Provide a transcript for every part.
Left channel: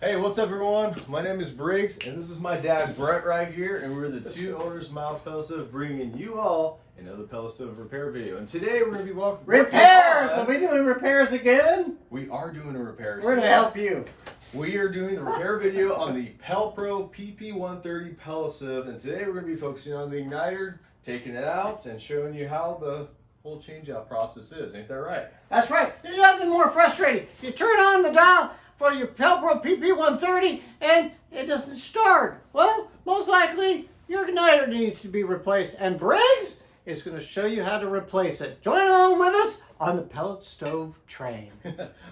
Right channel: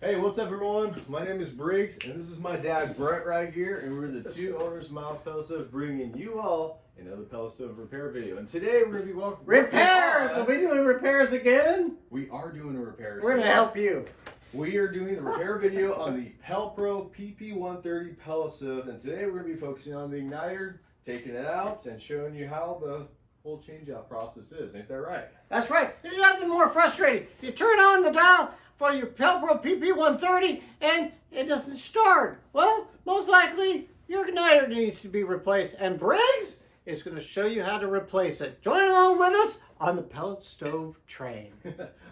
Hey, what's up everyone? My name is Briggs and this is my dad Brent right here, and we're the two owners of Miles Pellet Stove, bringing you all another pellet stove repair video. And today we're going to be walking repairs! Are we doing repairs again? We are doing a repair. We're going to help you. We are doing the repair video on the Pelpro PP130 Pellet Stove, and today we're going to be focusing on the igniter, taking it out, and showing you how the whole change-out process is. Ain't that right? That's right. There's nothing more frustrating. You turn on the dial for your Pelpro PP130 and it doesn't start. Well, most likely your igniter needs to be replaced, and Briggs is going to show you how to replace it. Join along with us on the pellet stove train.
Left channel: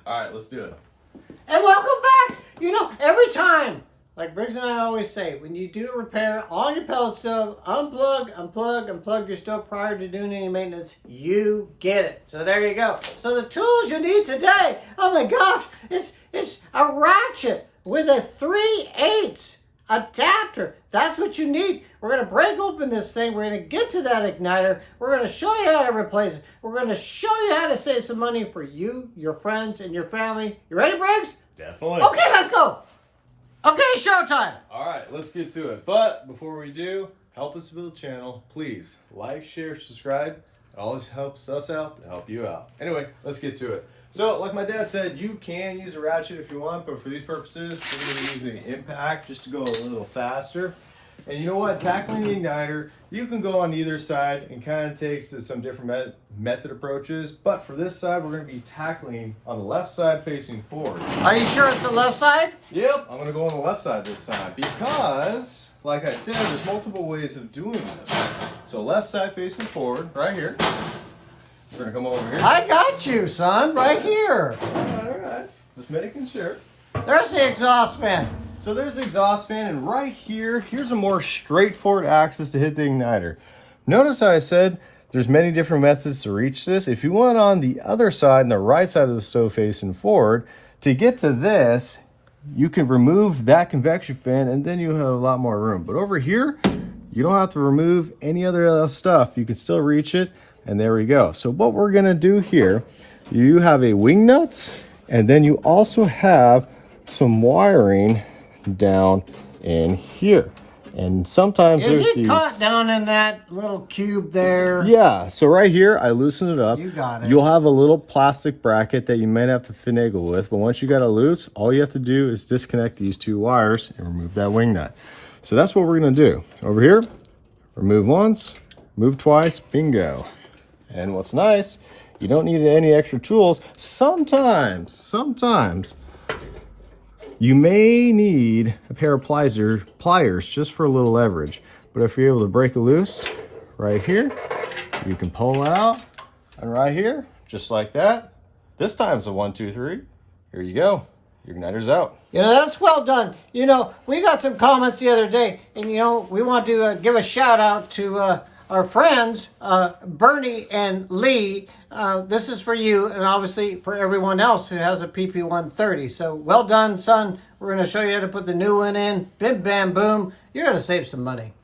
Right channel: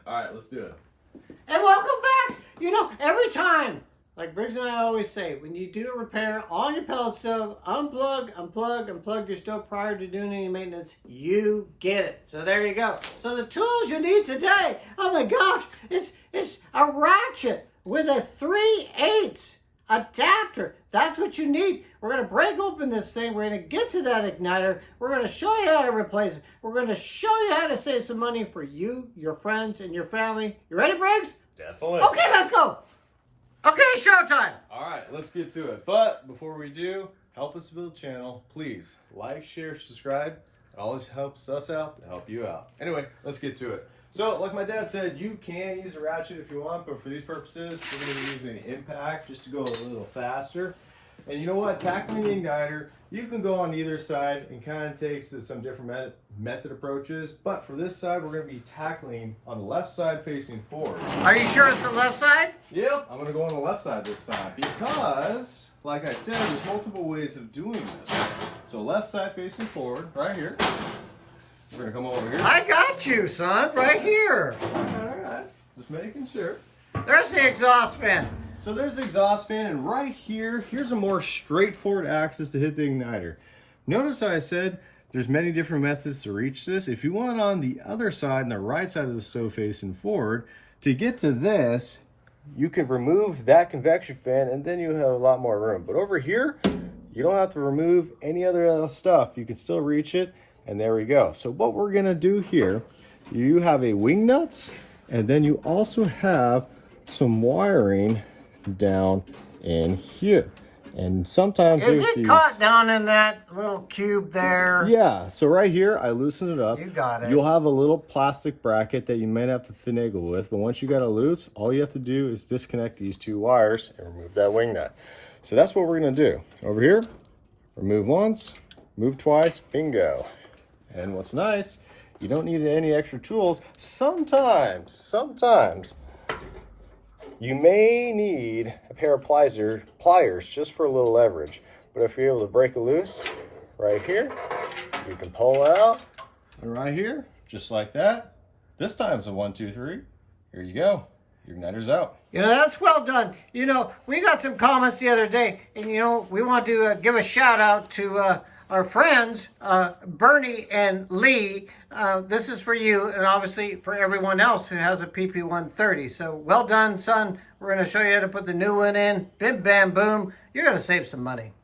All right, let's do it. And welcome back. You know, every time, like Briggs and I always say, when you do a repair on your pellet stove, unplug your stove prior to doing any maintenance, you get it. So there you go. So the tools you need today, oh my gosh, it's a ratchet with a 3/8 adapter. That's what you need. We're going to break open this thing. We're going to get to that igniter. We're going to show you how to replace it. We're going to show you how to save some money for you, your friends, and your family. You ready, Briggs? Definitely. Okay, let's go. Okay, showtime. All right, let's get to it. But before we do, help us build the channel. Please like, share, subscribe. It always helps us out to help you out. Anyway, let's get to it. So, like my dad said, you can use a ratchet if you want, but for these purposes, we're going to be using the impact just to go a little faster. And you know what? Tackling the igniter, you can go on either side and kind of takes to some different method approaches. But for this side, we're going to be tackling on the left side facing forward. Are you sure it's the left side? Yep, I'm going to go on the left side this time because, like I said, there's multiple ways of doing this. So left side facing forward, right here. We're going to come over here. I got you, son, right here. All right. Just making sure. There's the exhaust fan. So there's the exhaust fan, and right here, here's a more straightforward axis to hit the igniter. Notice how I said there's many different methods to reach this. If you want on the other side, and the right side of the stove facing forward, to get to this, you can remove that convection fan and then you have a lot more room. But over here, you don't have to remove any other stuff. You can still reach it, and there we go. So what we're gonna do here, you have a wing nuts, and then you also have some wiring down in here. And sometimes is it caught down in that little cube there? Yeah, so right here I loosen it up. You got it. You'll have a little plastic bracket that you might have to finagle with, but once you got it loose, all you have to do is disconnect these two wires and remove that wing nut. So that's what we're gonna do. Over here, remove once, move twice, bingo. And what's nice, you don't need any extra tools. Sometimes you may need a pair of pliers just for a little leverage. But if you're able to break it loose right here, you can pull out, and right here, just like that. This time's a 1, 2, 3. Here you go. Your igniter's out. You know, that's well done. You know, we got some comments the other day, and you know, we want to give a shout out to our friends, Bernie and Lee. This is for you, and obviously for everyone else who has a PP130. So well done, son. We're going to show you how to put the new one in. Bim, bam, boom. You're going to save some money.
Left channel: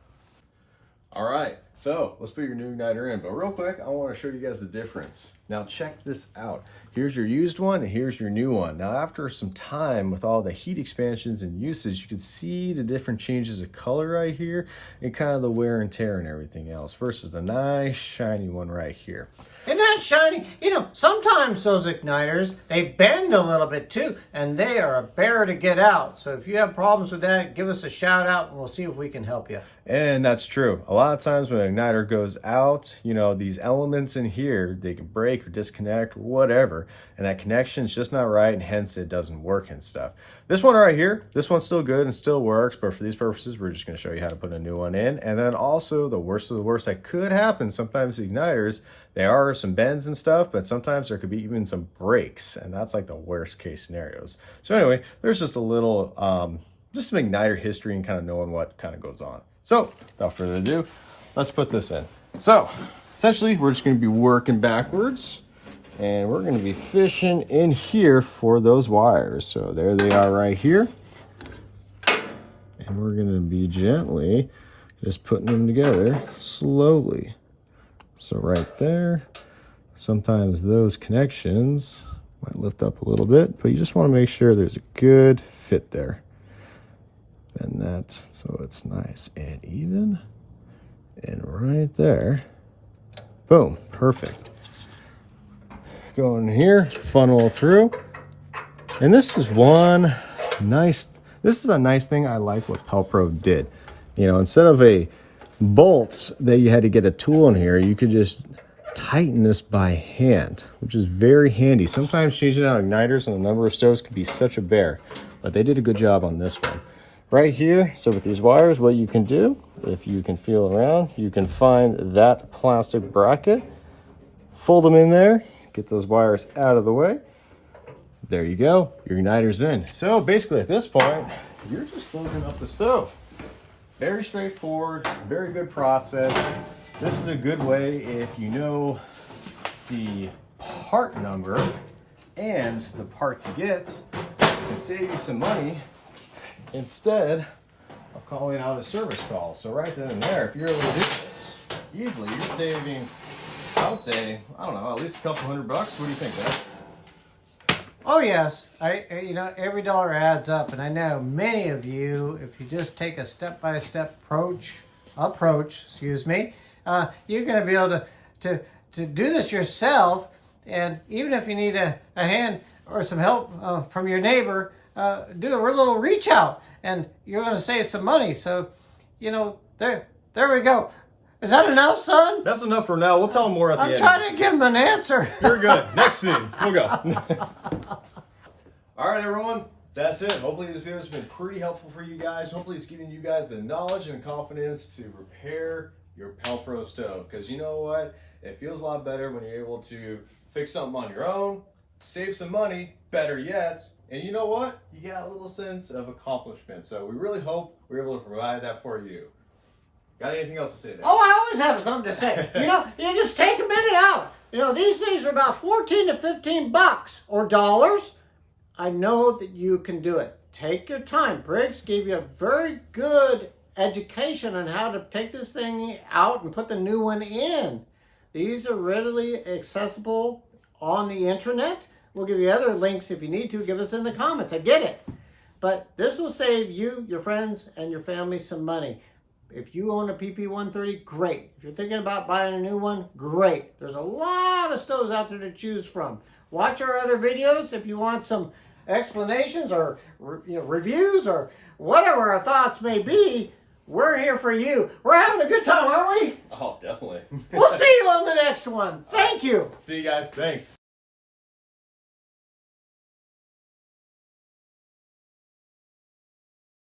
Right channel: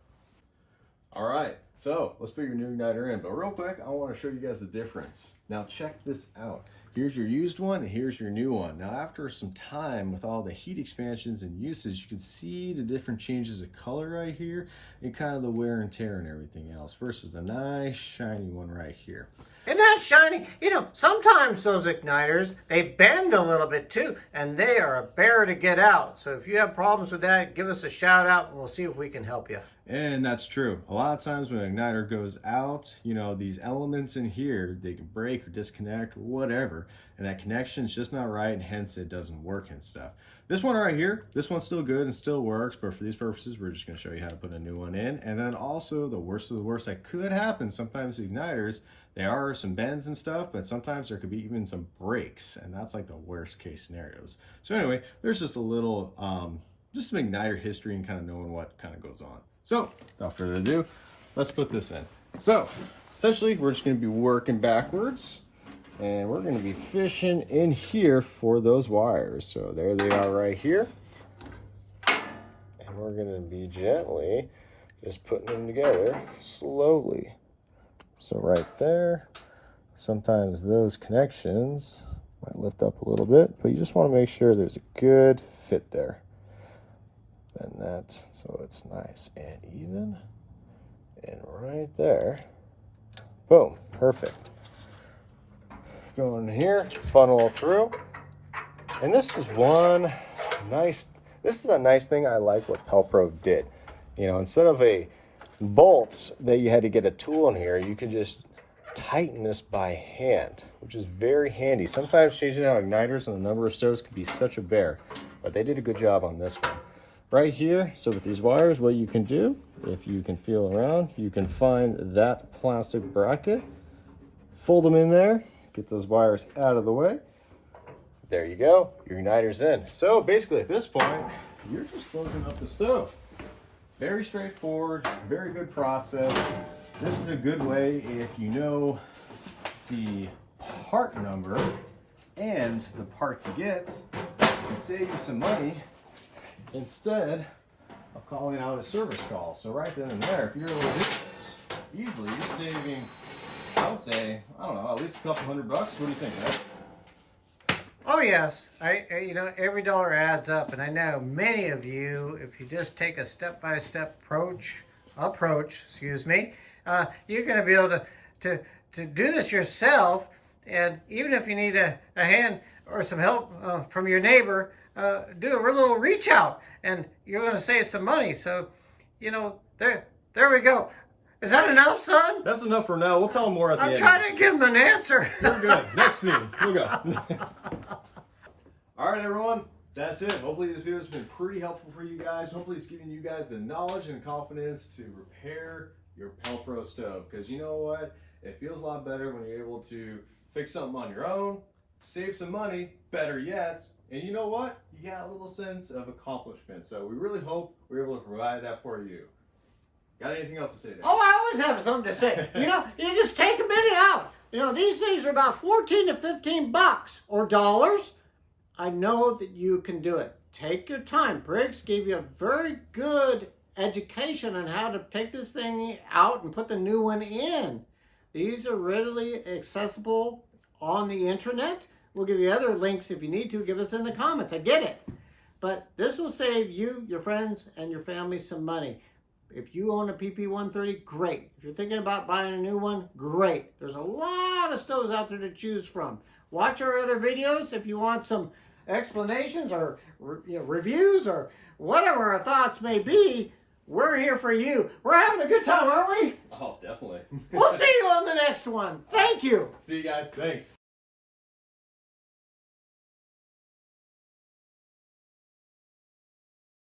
All right, so let's put your new igniter in. But real quick, I want to show you guys the difference. Now check this out. Here's your used one, and here's your new one. Now after some time with all the heat expansions and usage, you can see the different changes of color right here and kind of the wear and tear and everything else versus the nice shiny one right here. Isn't that shiny? You know, sometimes those igniters, they bend a little bit too, and they are a bear to get out. So if you have problems with that, give us a shout out and we'll see if we can help you. And that's true. A lot of times when an igniter goes out, you know, these elements in here, they can break or disconnect, whatever. And that connection is just not right, and hence it doesn't work and stuff. This one right here, this one's still good and still works, but for these purposes, we're just going to show you how to put a new one in. And then also the worst of the worst that could happen, sometimes igniters, there are some bends and stuff, but sometimes there could be even some breaks, and that's like the worst case scenarios. So anyway, there's just a little, just some igniter history and kind of knowing what kind of goes on. So without further ado, let's put this in. So essentially, we're just going to be working backwards, and we're going to be fishing in here for those wires. So there they are right here. And we're going to be gently just putting them together slowly. So right there, sometimes those connections, Might lift up a little bit, but you just want to make sure there's a good fit there. And that's so it's nice and even. And right there, boom, perfect. Go in here, funnel through. And this is a nice thing I like what Pelpro did. You know, instead of a bolts that you had to get a tool in here, you could just tighten this by hand, which is very handy. Sometimes changing out igniters on a number of stoves can be such a bear, but they did a good job on this one. Right here, so with these wires, what you can do, if you can feel around, you can find that plastic bracket, fold them in there, get those wires out of the way. There you go, your igniter's in. So basically at this point, you're just closing up the stove. Very straightforward, very good process. This is a good way if you know the part number and the part to get, and save you some money instead of calling out a service call. So right then and there, if you're able to do this easily, you're saving, I would say, I don't know, at least a couple $100. What do you think, Dad? Oh yes, you know, every dollar adds up, and I know many of you, if you just take a step-by-step approach, excuse me, you're going to be able to do this yourself. And even if you need a hand or some help from your neighbor, do a little reach out, and you're going to save some money. So, you know, there we go. Is that enough, son? That's enough for now. We'll tell them more at the end. I'm trying to give him an answer. You're good. Next scene. We'll go. All right, everyone. That's it. Hopefully this video has been pretty helpful for you guys. Hopefully it's giving you guys the knowledge and confidence to repair your Pelpro stove. Because you know what? It feels a lot better when you're able to fix something on your own, save some money, better yet. And you know what? You got a little sense of accomplishment. So we really hope we're able to provide that for you. Got anything else to say there? Oh, I always have something to say. You know, you just take a minute out. You know, these things are about 14 to 15 bucks or dollars. I know that you can do it. Take your time. Briggs gave you a very good education on how to take this thing out and put the new one in. These are readily accessible on the internet. We'll give you other links if you need to. Give us in the comments. I get it. But this will save you, your friends, and your family some money. If you own a PP130, great. If you're thinking about buying a new one, great. There's a lot of stoves out there to choose from. Watch our other videos if you want some explanations or reviews or whatever our thoughts may be. We're here for you. We're having a good time, aren't we? Oh, definitely. We'll see you on the next one. Thank you. See you guys. Thanks.